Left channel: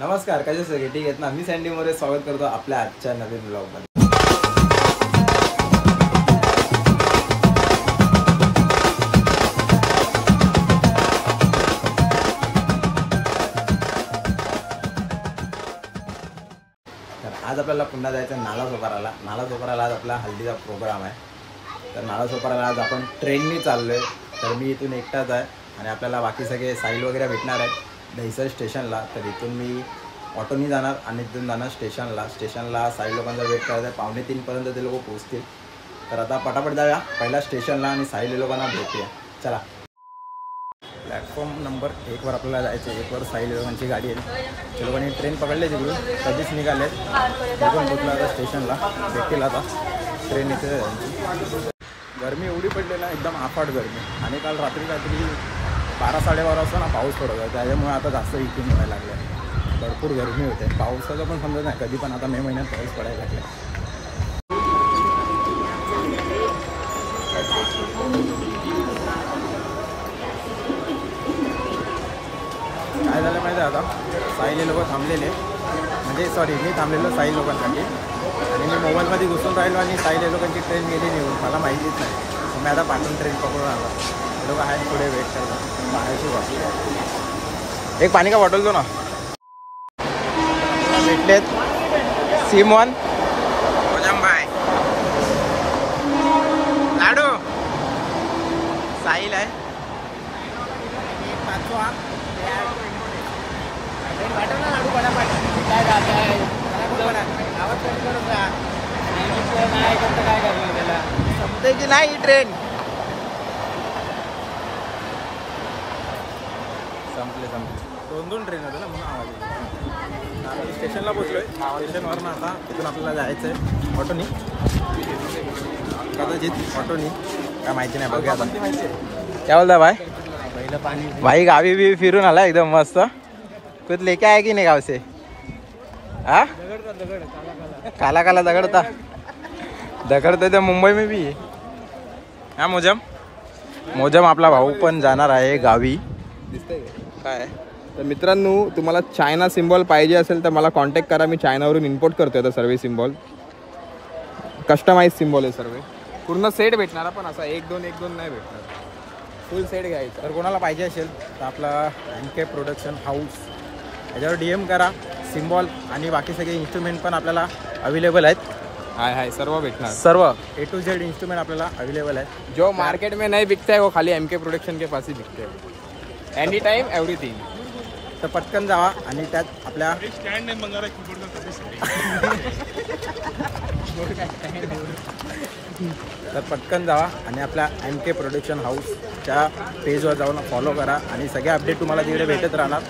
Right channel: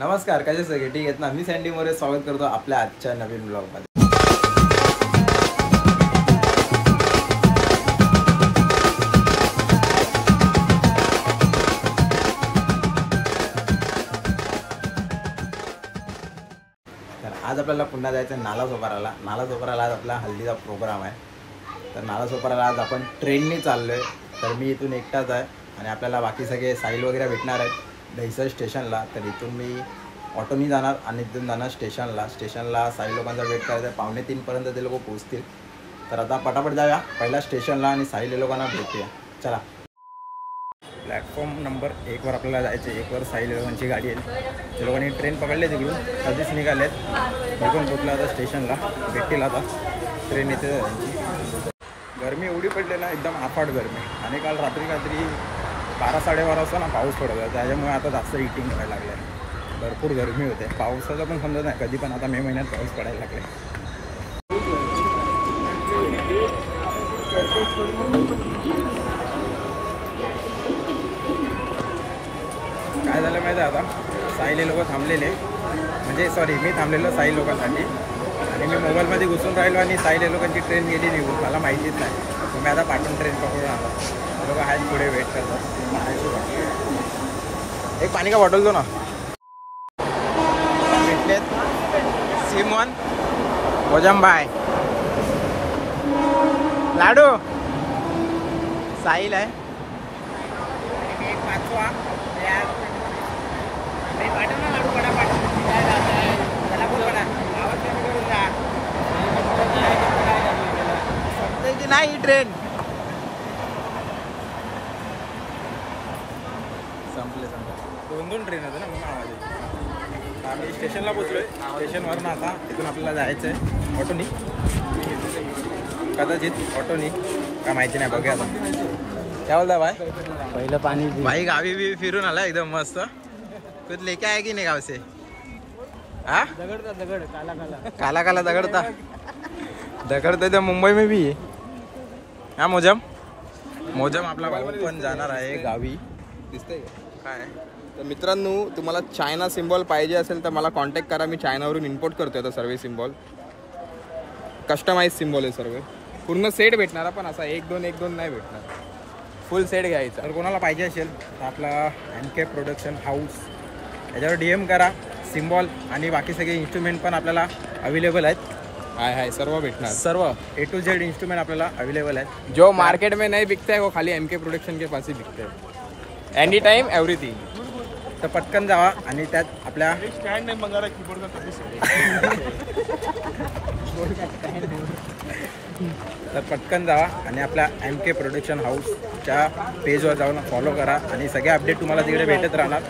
नमस्कार, कसे सगळे ठीक आहेत ना? मी सँडी मोरे स्वागत करतो आपल्या आजच्या नवीन ब्लॉगमध्ये. तर आज आपल्याला पुन्हा जायचं नालासोपाराला. नालासोपाराला आज आपला हल्दीचा प्रोग्राम आहे. तर नालासोपाराला आज आपण ट्रेननी चाललो आहे. तर मी इथून एकटाच आहे आणि आपल्याला बाकी सगळे साहिल वगैरे भेटणार आहेत दहिसर स्टेशनला. तर इथून मी ऑटोनी जाणार आणि इथून जाणार स्टेशनला साहिल लोकांचा वेट करायचा आहे. 2:45पर्यंत ते लोक पोहोचतील. तर आता पटापट जाऊया पहिला स्टेशनला आणि साहिल लोकांना भेटूया. चला. प्लॅटफॉर्म नंबर 1वर आपल्याला जायचं आहे. 1वर साहिल लोकांची गाडी आहे. ते लोकांनी ट्रेन पकडले तिकडून कधीच निघालेत. मी पण पोचला आता स्टेशनला. भेटतील आता ट्रेन येते त्यांची. गरमी एवढी पडली ना, एकदम आफाट गरमी. आणि काल रात्री काहीतरी 12-12:30 वाजता ना पाऊस पडत होता. त्याच्यामुळे आता जास्त हिटिंग व्हायला लागलं आहे. भरपूर गरमी होते. पावसाचं पण समजत नाही कधी, पण आता मे महिन्यात पाऊस पडायला लागले. काय झालं माहिती आहे, आता साहिल लोक थांबलेले, म्हणजे सॉरी मी थांबलेलो साहिल लोकांसाठी. आणि मी मोबाईलमध्ये घुसून राहिलो आणि साहिल लोकांची ट्रेन गेली निघून. मला माहितीच नाही. मग मी आता पाठवून ट्रेन पकडून आलो. ते लोक आहेत पुढे वेट करतात. पाण्याची बाकी एक पाणी का बॉटल दो ना. भेटलेत सिमोन, ओजमबाई, लाडू, साहिल आहे. एक पाचवा वाटत ना लाडू पडापट त्याला बोल पडा. आवाज कमी करून जा. समजे की नाही ट्रेन संपले 2 ट्रेन होते ना, म्हणून आवाज येतो. आम्ही स्टेशनला पोचलोय. स्टेशनवरनं आता तिथून आपल्याला जायचं आहे ऑटोनी, कदाचित ऑटोनी, काय माहिती नाही. बघूया आता काय बोलता भाई. पहिलं पाणी भाई गावी बी फिरून आला एकदम मस्त. कुछ लेके आए की नाही गाव से? हाँ दगड़ काला काला दगड़ता तो मुंबई में भी है. हाँ मोजम आपला भाऊ पण जाणार आहे गावी. दिसतंय काय. तर मित्रांनो, तुम्हाला चायना सिम्बॉल पाहिजे असेल तर मला कॉन्टॅक्ट करा. मी चायनावरून इम्पोर्ट करतोय आता सर्व सिम्बॉल. कस्टमाइज सिम्बॉल आहे सर्व. पूर्ण सेट भेटणार, पण असा 1-2 नाही भेटणार. फुल सेट घ्यायचा. तर कोणाला पाहिजे असेल तर आपला MK प्रोडक्शन हाऊस याच्यावर DM करा. सिम्बॉल आणि बाकी सगळे इन्स्ट्रुमेंट पण आपल्याला अवेलेबल आहेत. हाय सर्व भेटणार. सर्व A to Z इंस्ट्रूमेंट आपल्याला अवेलेबल आहे. जो मार्केट में नहीं बिकता है वो खाली MK प्रोडक्शन के पास ही बिकते हैं. Any time everything. तर पटकन जावा आणि त्यात आपल्या तर पटकन जावा आणि आपल्या MK प्रोडक्शन हाऊसच्या पेजवर जाऊन फॉलो करा. आणि सगळे अपडेट तुम्हाला तिकडे भेटत राहणार.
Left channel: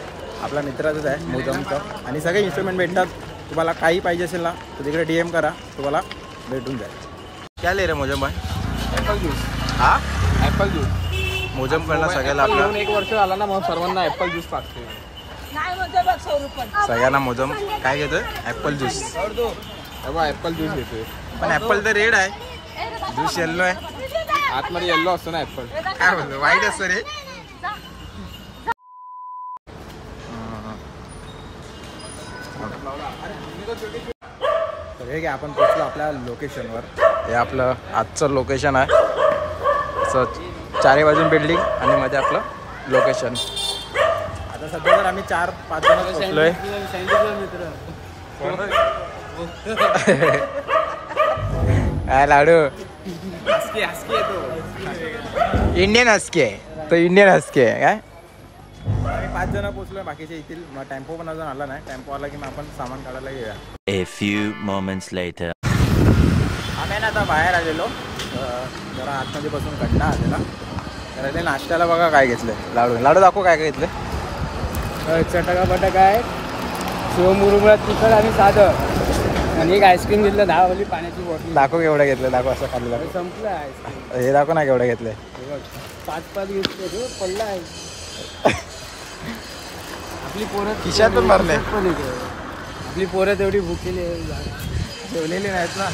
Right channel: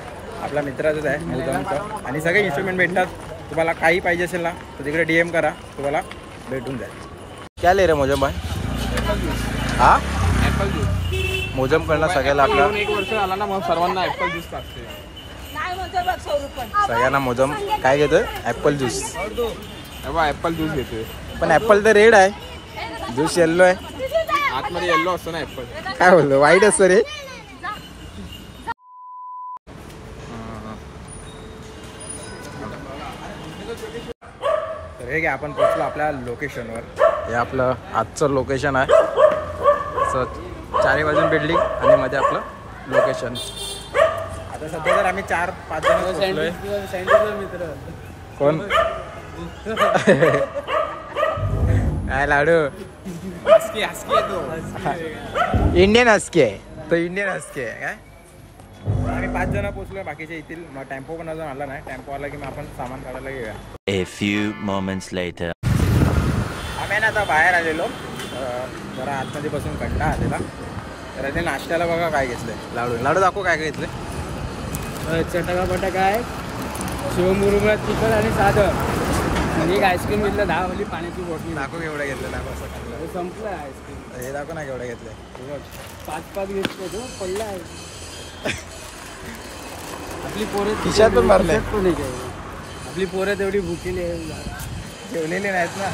आपला मित्राचंच आहे मोजमचं. आणि सगळे इन्स्ट्रुमेंट भेटतात. तुम्हाला काही पाहिजे असेल ना तर तिकडे DM करा, तुम्हाला भेटून जाईल. क्या ले रे मोजम भाई? Apple juice. हा ॲपल ज्यूस मोजम करणं सगळ्याला आपल्या 1 वर्ष झाला ना, मग सर्वांना ॲपल ज्यूस पाजते. सगळ्यांना मोजम काय घेतोय? Apple juice. ॲपल ज्यूस घेतोय. पण ॲपल तर रेड आहे, ज्यूस येल्लो आहे. आतमध्ये येल्लो असतो ना ॲपल. काय बोलतो, वाईट असतं रे. तर हे घ्या, आपण पोचलो आपल्या लोकेशनवर. हे आपलं आजचं लोकेशन आहे. असं 4 बाजून बिल्डिंग आणि मध्ये आपलं लोकेशन. आता सध्या तर आम्ही 4-5 जण पोचलोय. काय लाडू हस्की आहे तो. इंडियन हस्की आहे तो. इंडियन हस्की आहे काय. आम्ही 5 जण पोचलोय, बाकीचे येतील. मग टेम्पो पण अजून आला नाही. टेम्पो आला की मग आपण सामान काढायला घेऊया. A few moments later. आम्ही ना आता बाहेर आलेलो, जरा आतमध्ये बसून कंटाळा आलेला. तर ते नाश्त्याला बघा काय घेतलंय. लाडू दाखव काय घेतलंय. चटका बटाका आहे, शिवमुरुमुरा तिखट आणि साधं. आणि एक आईस्क्रीम घेतलं 10 वाली पाण्याची बॉटल. दाखव केवढं घेतलं, दाखव असं खाल्लं. संपलं आहे आईस्क्रीम. हे दाखव ना केवढं घेतलंय. 5 घेतले तो पडला आहे. आपली पोरं खिशात पण भरले. आपली पोरं तेवढी भुकेली आहे, जेवलेली नाहीत ना.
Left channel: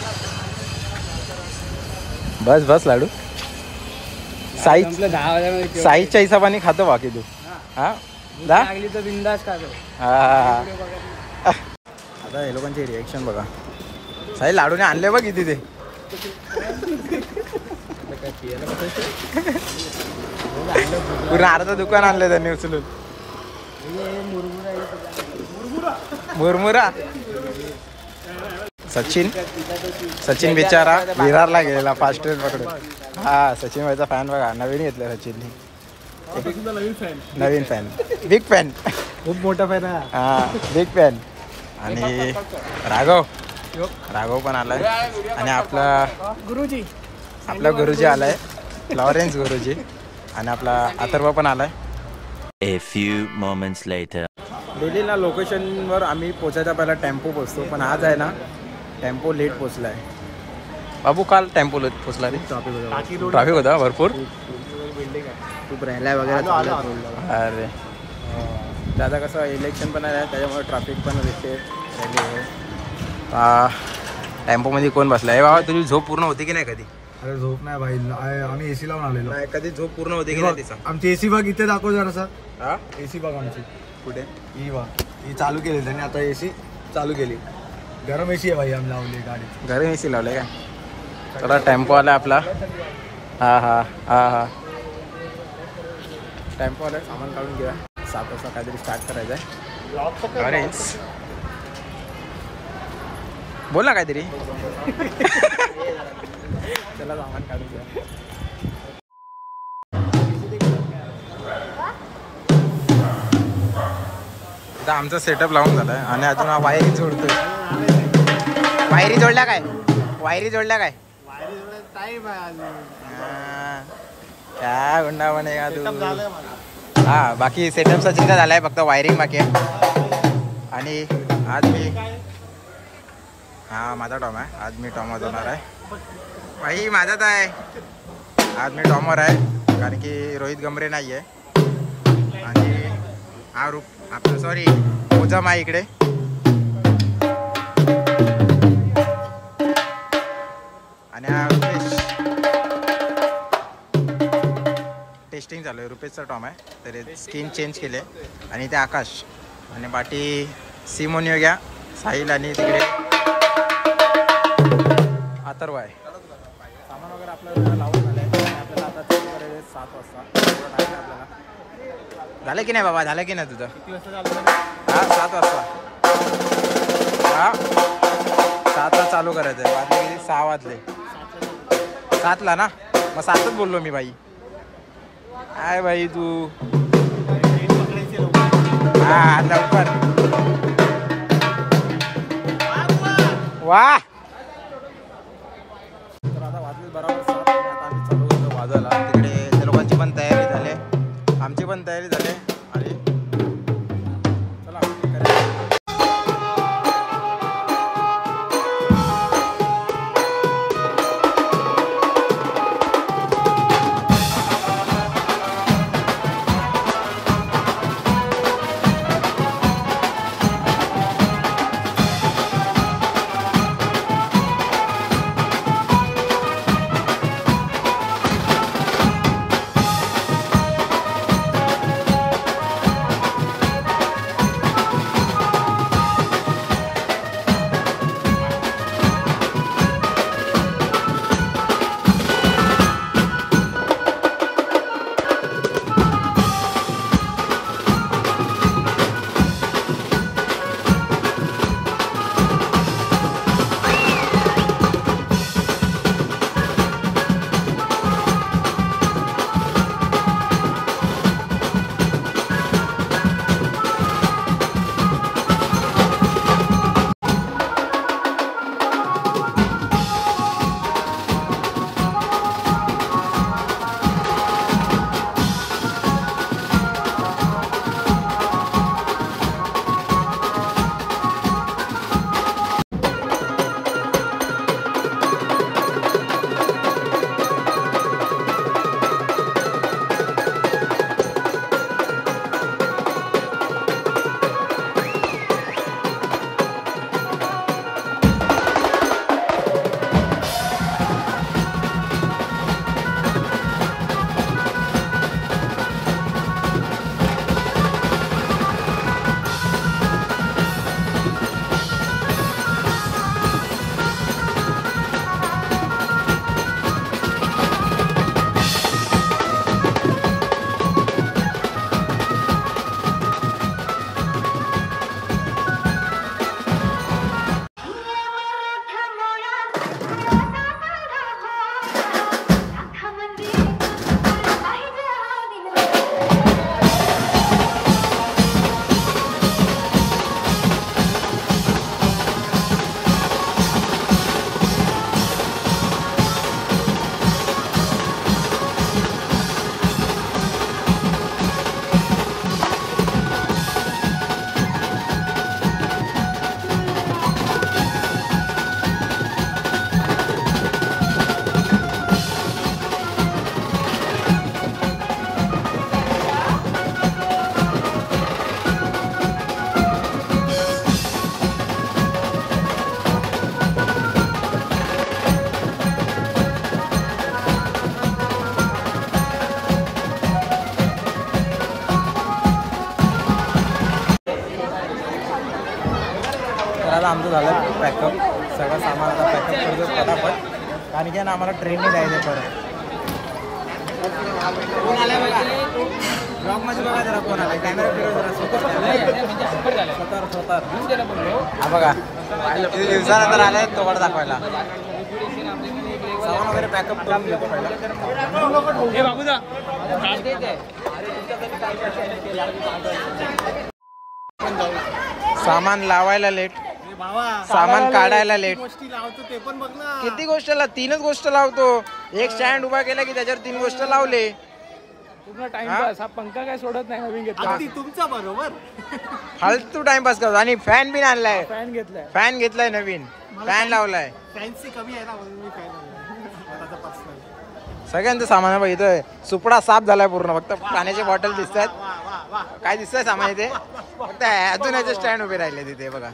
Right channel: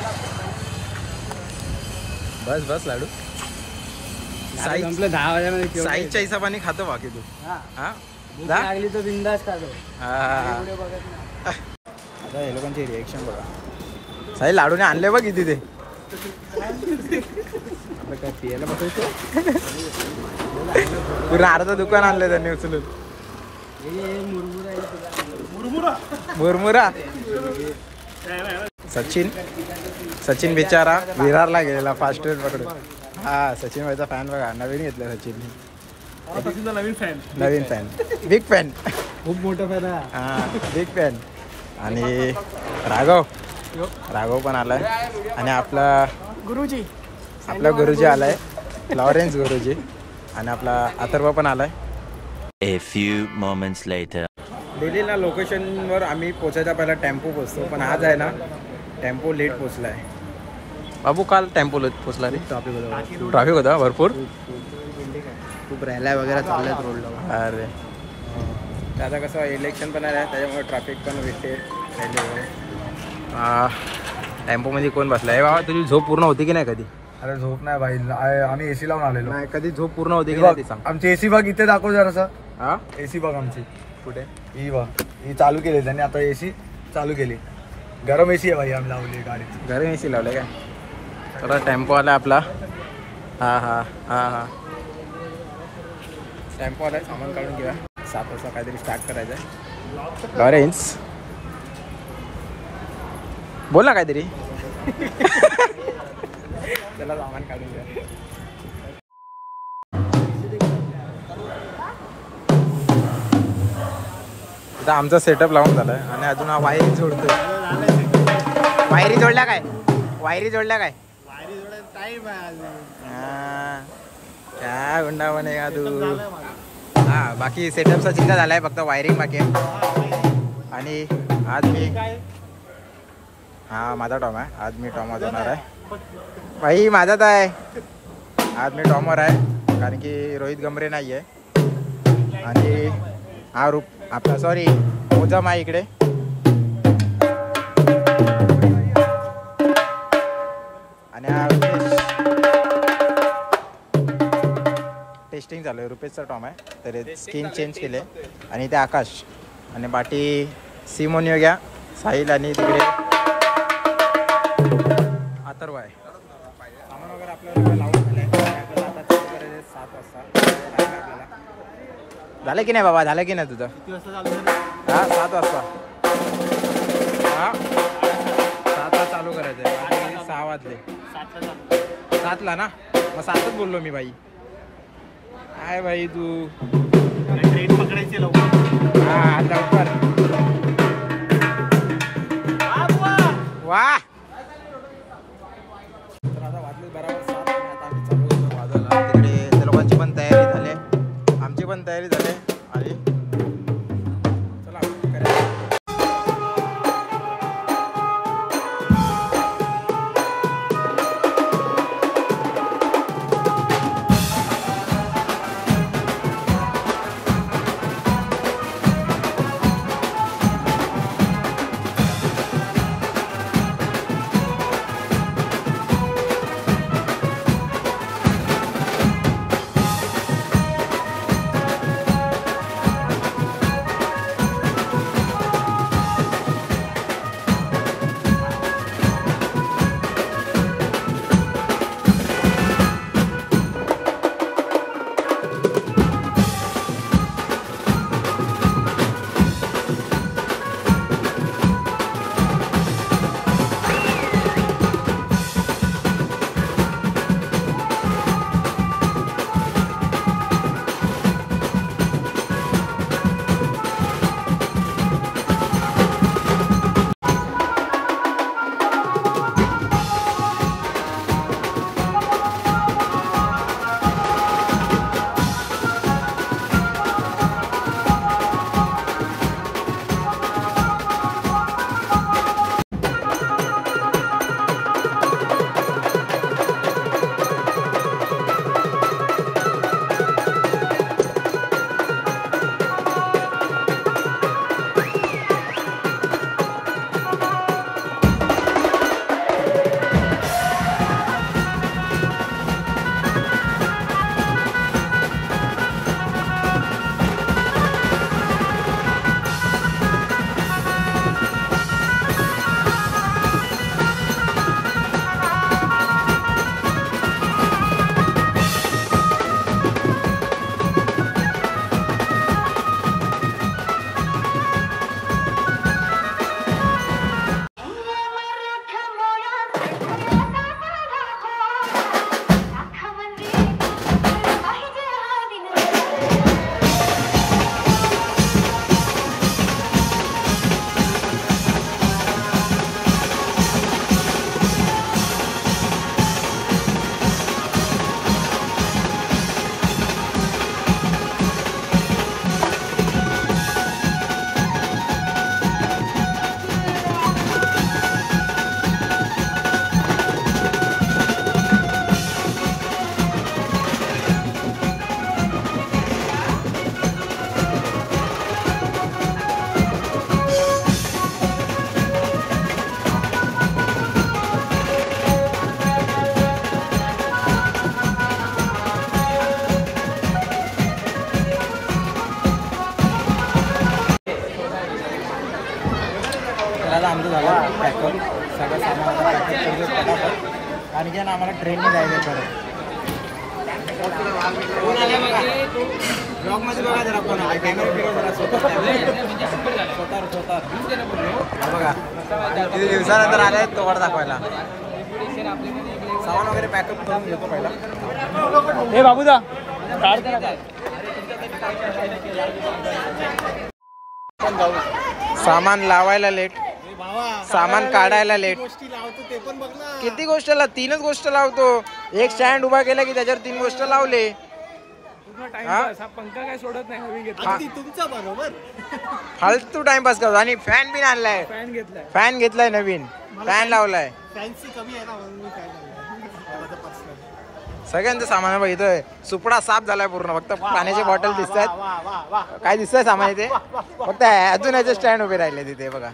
बस लाडू. संपलं 10 वाजल्यामध्ये. साईजच्या हिशोबाने खातो बाकी तू. हा जा. लागली तर बिंदास खातो. हा. पुढे बघत नाही. आता हे लोकांचे रिएक्शन बघा. साई लाडूने आणले बघ किती ते. पूर्ण अर्ध दुकान आणले त्यांनी उचलून. हे मुरमुरा आहे तुला. मुरमुरा. सचिन बिचारा विरारला गेलेला फास्ट ट्रेन पकडून. हा सचिन भाईचा फॅन बघा. नवीन घेतलं सचिनने. नवीन फॅन. Big fan. खूप मोठा फायदा. हा बिग फॅन. आणि राघव पण आलाय. आणि आपला गुरुजी आलाय. लॉरेन्स गुरुजी. आणि आपला अथर्व पण आलाय. A few moments later. दिल्लीला लोकेशनवर आम्ही पोचायचा पहिला टेम्पो पोचतो. पण आज आहे ना टेम्पो लेट पोचलाय. बाबू काल टेम्पो लेट पोचला रे. ट्रॅफिक होता भरपूर. खूप राहिलाय वगैरे चाललंय रोडला. अरे दादा कसं इलेक्शन पण आहे त्याच्यामुळे ट्रॅफिक पण भेटते. टेम्पोमध्ये कोण बसला आहे बाबा? तुझी झोप पूर्ण होती की नाही कधी? अरे झोप नाही भाई, आम्ही एसी लावून आलेलो. नाही कधी झोप पूर्ण होती की नाही ते सांग. आमची एसी बघ इथे दाखव जरासा. हा एसी बघ आमची कुठे? ही बघ, ही चालू केली त्यांनी आता. एसी चालू केली. गरम एसी आहे भाई आम्ही लावली गाडी. घरी एसी लावले काय? तर टेम्पो आला आपला. हा टेम्पो आलाय. सामान काढून घेऊया. 7 वाजता काहीतरी स्टार्ट करायचं आहे. लॉरेन्स बोल ना काहीतरी. चला सामान काढून घ्या. इथं आमचा सेटअप लावून झालाय आणि अजून हा वायरी जोडतोय. वायरी जोडल्या काय? काय गुंडा म्हणे का तू? हा बाकी सेटअपचा चिंता झालाय, फक्त वायरिंग बाकी आहे. आणि आज मी माझा टॉम आहे. आज मी टॉम वाजवणार आहे भाई. माझाच आहे आज. मी टॉमर आहे कारण की रोहित गमरे नाही आहे. आणि हा आपला मोजम आहे इकडे. आणि हा रुपेश. टेस्टिंग चालू आहे. रुपेशचा टॉम आहे तर स्किन चेंज केले. आणि ते आकाश. आणि बाकी सिमोनियो घ्या, साहिल आणि तिकडे अथर्व आहे. सामान वगैरे आपल्याला लावून झालं आहे. आणि आपल्याला आता चालू करायचं 7 वाजता. थोडा टाईम आहे आपल्याला. झालं की नाही बाबा? झालं की नाही तुझं? किती वाजता चालू झालं? हा 7 वाजता. हा 7ला चालू करायचं आहे. वाजले किती? 6 वाजले. 7ला ना? मग 7च बोललो मी भाई. काय भाई तू? ट्रेन पकडायची लवकर. हा लवकर. वा तर आता वाजले बरोबर 7. आणि आता आम्ही चालू करतो वाजायला. तिकडे त्या लोकांची पण तयारी झाली, आमची पण तयारी झाली. आणि चला करायचं. आता आमचं झालं पॅकअप, सगळं सामान आता पॅकअप करतो पटापट, कारण की ना आम्हाला ट्रेनने जायचं परत. कोण आलाय बघा ब्लॉगमध्ये, बघा जरा कोण आलाय, कॅमेरा फिरव जरा, स्वतः हा बघा किती दिवसानंतर आलाय तोड दाखवायला. सामान वगैरे पॅकअप करून घेतो पहिला. हे बाबूदा सामान लावायला लेट, सामान काढायला लेट. ते पण बघ ना. किती गोष्ट 3च गोष्ट लावतो. एक स्टँड उभा केला की त्याच्यावर 3 गोष्ट लावले. पंखा काय सोडत नाही, नवीन घेतला. तुमचा बरोबर फालतू टाइमपास करतो. आणि फॅन बिन आणलाय, फॅन घेतलाय. फॅन घेतलाय नवीन, फॅन लावलाय. फॅन्सी कमी आहे ना म्हणून मी काय झालं. सगळ्यांचं सामान आहे बघ. इथं सुपडा साफ झालाय पूर्ण, फक्त पाण्याचे बॉटल दिसत आहेत. काय दिसतंय सामान इथे, फक्त अजून याचे स्टँड उभे राहिले तिथे बघा.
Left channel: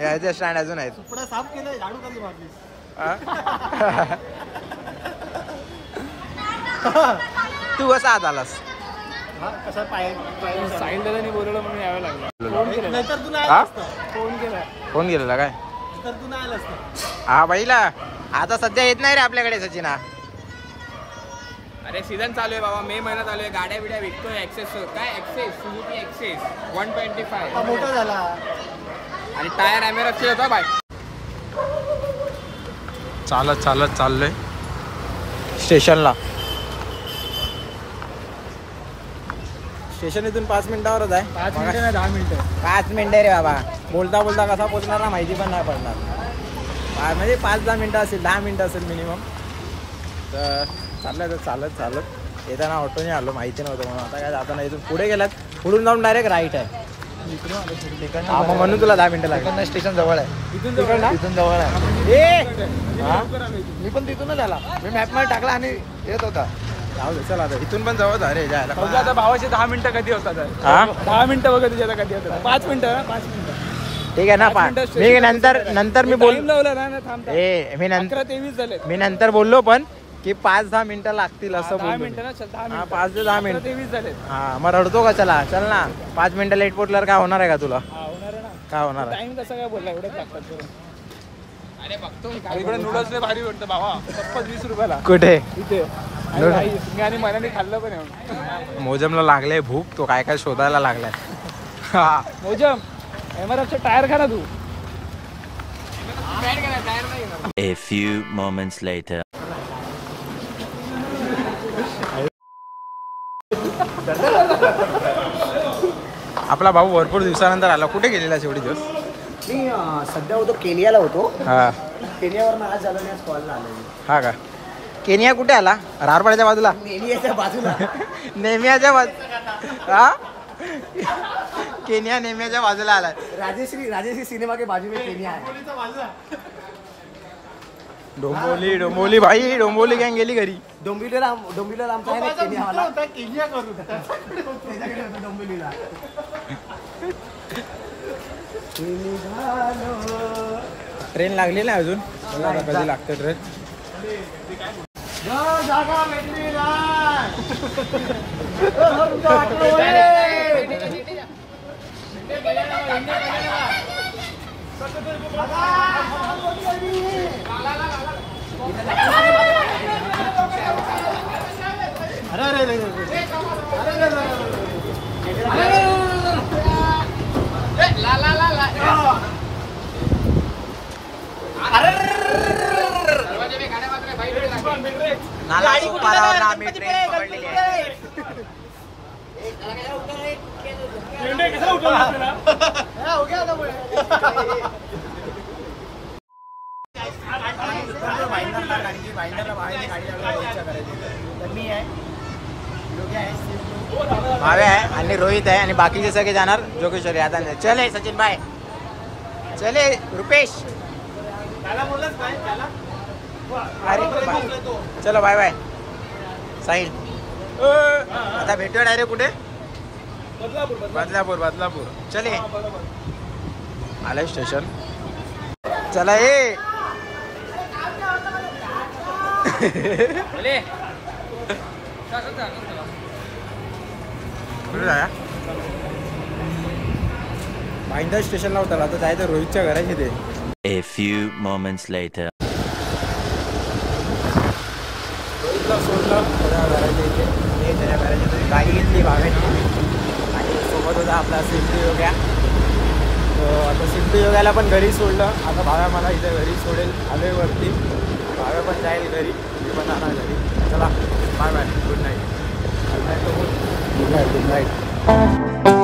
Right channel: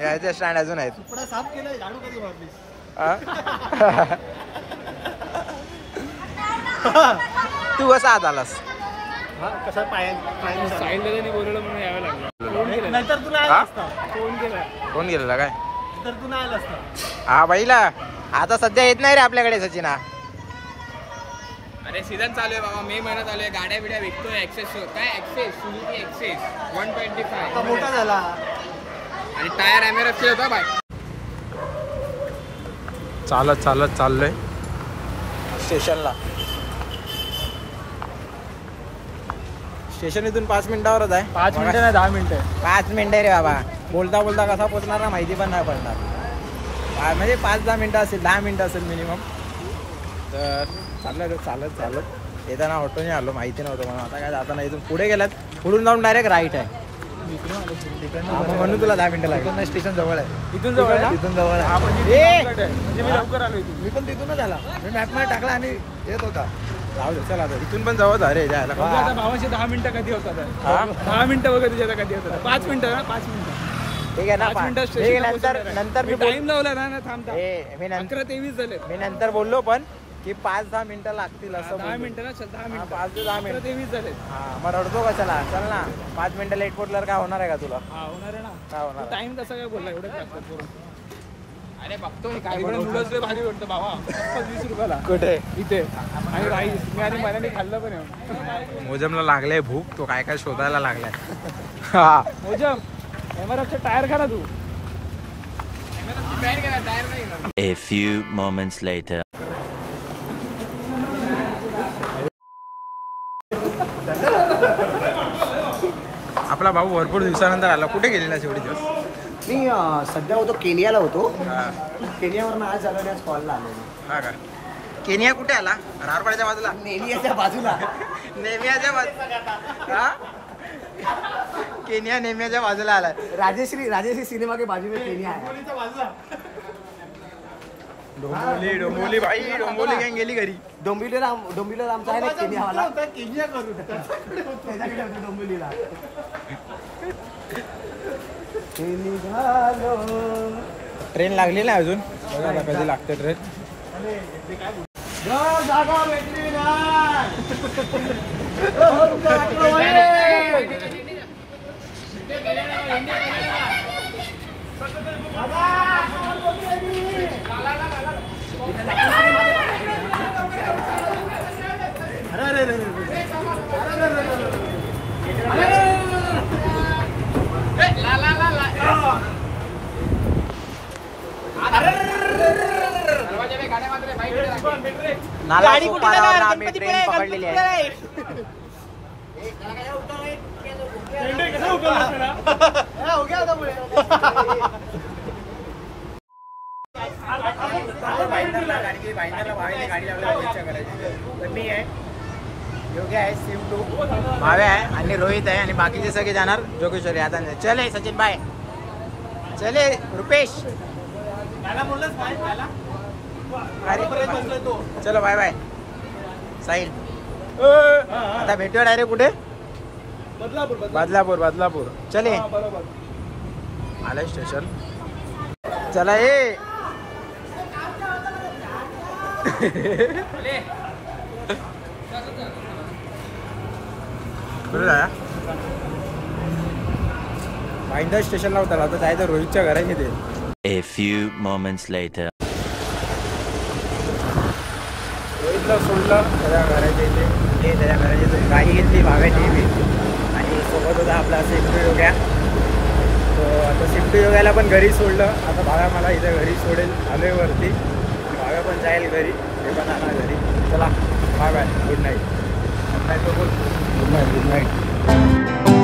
याचे स्टँड अजून आहेत. सुपडा साफ केलंय, झाडू कधी मारलीस. तू कसा आत आलास? साहिल दादानी बोलवलं म्हणून यावं लागलं. फोन केला, नाहीतर तू नाही हा? आला असता. फोन केला. फोन गेलेला काय? तर तू नाही आला असता. हा बाईला आता सध्या येत नाही रे आपल्याकडे सचिना. अरे सीझन चालू आहे बाबा, मे महिना चालू आहे, गाड्या बिड्या विकतोय. एक्सेस काय एक्सेस, सुझुकी एक्सेस 125 मोठा झाला. आणि टायर एमआरएफ होता बाय. चालत चालत चाललोय स्टेशनला. स्टेशन इथून 5 मिनिटावरच आहे. 5 मिनिटं ना 10 मिनिटं. 5 मिनिटं रे बाबा. बोलता बोलता कसा पोचणार ना माहिती पण नाही पडणार. म्हणजे 5-10 मिनिटं असेल, 10 मिनिटं असेल मिनिमम. तर चाललं चालत चालत येताना ऑटोने आलो, माहिती नव्हतं म्हणून. आता काय जाताना इथून पुढे गेलात, पुढून जाऊन डायरेक्ट राईट आहे. हा, मग म्हणून तुला 10 मिनिटं लागली. स्टेशन जवळ आहे. इथून जवळ ना? इथून जवळ आहे. म्हणजे मी लवकर आलो इथून. मी पण तिथूनच आला. मी मॅपमध्ये टाकला आणि येत होता. जाऊ दे चल आता. इथून पण जवळ अरे जायला. आता भावाचे 10 मिनिटं कधी होतात? हा 10 मिनिटं बघा तुझ्याला कधी होतात. 5 मिनिटं ना, 5 मिनिटं. ठीक आहे ना. 5 मिनिटं मी स्टेशनला नंतर मी टाइम लावला ना थांबता. मी नंतर 11:23 झाले. मी नंतर बोललो पण की 5-10 मिनिटं लागतील असं 10 बोललो. मिनिटं ना, चल 10 हा, मिनिटं. 5 ते 10 मिनिटं. 11:23 झाले. हा मग रडतो का? चला चल ना. 5 मिनिटं लेट पोचल्यावर काय होणार आहे का तुला? हा होणार आहे ना. काय होणार आहे? टाइम कसा काय बोलला, एवढंच लागतात करून. अरे बघतो मी इकडे नूडल्स लय भारी वाटतं भावा. 20 रुपयाला कुठे? इथे. आणि राईस मी आणि मनाने खाल्लं पण आहे. मोजमला लागले भूक, तो काय काय शोधायला लागलाय. हा मोजम एमआरएफचा टायर खा ना तू. A few moments later. आपला भाऊ भरपूर दिवसानंतर आला. कुठे गेलेला एवढे दिवस? मी सध्या होतो केनियाला होतो. हा केनियावरनं आज आलो आणि आज कॉलला आलो. हा का? केनिया कुठे आला? रारपाड्याच्या बाजूला? केनियाच्या बाजूला. नेमियाच्या बाजूला. हा केनिया नेमियाच्या बाजूला आलाय. राजश्री सिनेमा के बाजू में केनिया है. डोंबोली भाई, डोंबोली गँग गेली घरी. डोंबिवलीला आमचा आहे ना केनियावाला. केनिया करू त्याच्याकडे होतो डोंबिवलीला. ट्रेन लागली नाही अजून, बघा आता कधी लागते ट्रेन. जागा भेटली नाला सोपारावर आम्ही ट्रेन पकडलेली आहे. भाईंदरला गाडी लावली करायची. तर मी आहे, योगी आहे, भावे आहे आणि रोहित आहे आणि बाकीचे सगळे जाणार जोगेश्वरी. आता चले सचिन भाई, चले रुपेश. अरे चलो बाय बाय साहिल. आता भेटूया डायरेक्ट कुठे? बदलापूर. चले आलंय स्टेशन. चला ये. कुठे जाया? भाईंदर स्टेशनला उतरला आता जायचं रोहितच्या घरात ते. A few moments later. रोहितला सोडलं त्याच्या घराच्या इथे आणि त्याच्या घराच्या इथे गाडी घेतली भाव्याची मी आणि सोबत होता आपला सिंधू योग्या. तर आता सिंधू योग्याला पण घरी सोडलं. आता भाव्या मला इथे घरी सोडेल आलोय वरती. भाव्या पण जाईल घरी, हे पण जाणार घरी. चला bye bye, good night. Good night.